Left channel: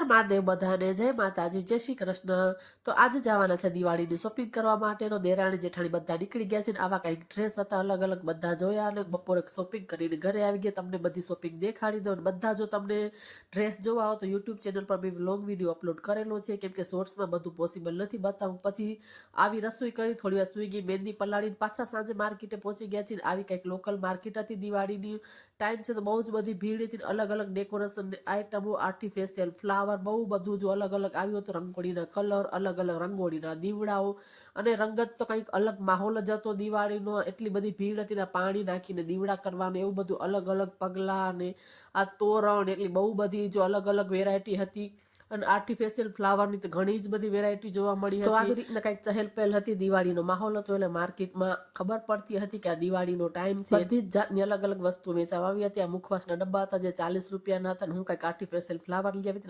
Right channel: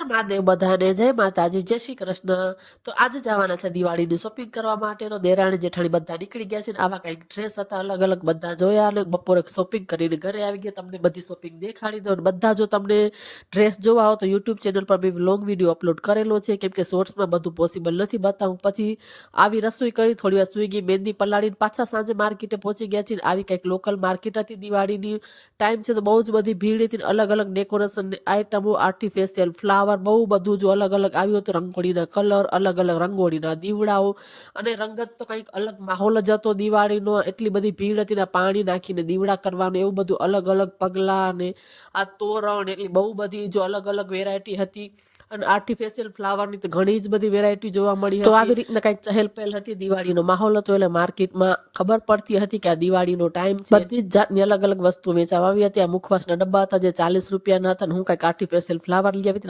હર મહાદેવ બધાને જય માતાજી જય શ્રી કૃષ્ણ। તો આજે જવાના છે દિવાળીની શોપિંગ કરવા માટે। તો દેરાણી જેઠાણી બધા નીકળી ગયા છે ને આવા કંઈક ડ્રેસ હતા અલગ અલગ બધા જોયા અને બપોરે શોપિંગ કરીને ઘરે આવી ગયા। તમને બધી શોપિંગ દેખાડી દો અને બધા જો તમને ડ્રેસ જોવા હો તો યુટ્યુબ ચેનલ પર બી લોંગ વિડીયો અપલોડ કરેલો છે, કેમ કે શોર્ટ્સમાં બધું પોસિબલ નથી બતાવું। પછી આવી રસોઈ કરી, થોડી વાર સુઈ ગઈ, મહેંદી પલાળીને પાછા સાંજે માર્કેટે પહોંચી ગયા છીએ। આવી કંઈક લોકલ માર્કેટ હતી, દિવાળીની ટાઈમ છે તો બહુ જ બધી ભીડ હતી। અલગ અલગ ડેકોરેશન આઇટમો, આર્ટિફિશિયલ ફ્લાવર, બહુ બધું જો અલગ અલગ આવ્યું હતું। રંગોળીના કલર, અલગ અલગ રંગોળીના દીવડાઓ અને રંગત તો કંઈક અલગ માહોલ જ હતો દિવાળીનો। એટલી બધી ભીડ હતી ને પાણી નાખીને દીવડા કરવાનું એવું બધું, અલગ અલગ પગલા અને આ તોરણ, એટલી બહુ બધી જો અલગ અલગ વેરાયટી હતી। અને આર્ટિફિશિયલ ફ્લાવરની તો ઘણી જ બધી વેરાયટી જોવા મળી હતી। તો આવી રીતના કંઈક ચહેલ પહેલ હતી, દિવાળીનો માહોલ હતો એટલે માર્કેટમાં ખબર પડતી હતી કે આ દિવાળીનો ટાઈમ છે। બધી જ જાતની અલગ અલગ વસ્તુ વેચાવા આવી હતી। આ મુખવાસના ડબ્બા હતા જે 40 રૂપિયાના હતા અને હું કંઈક આર્ટિફિશિયલ ફ્લાવર લઈ આવી હતી।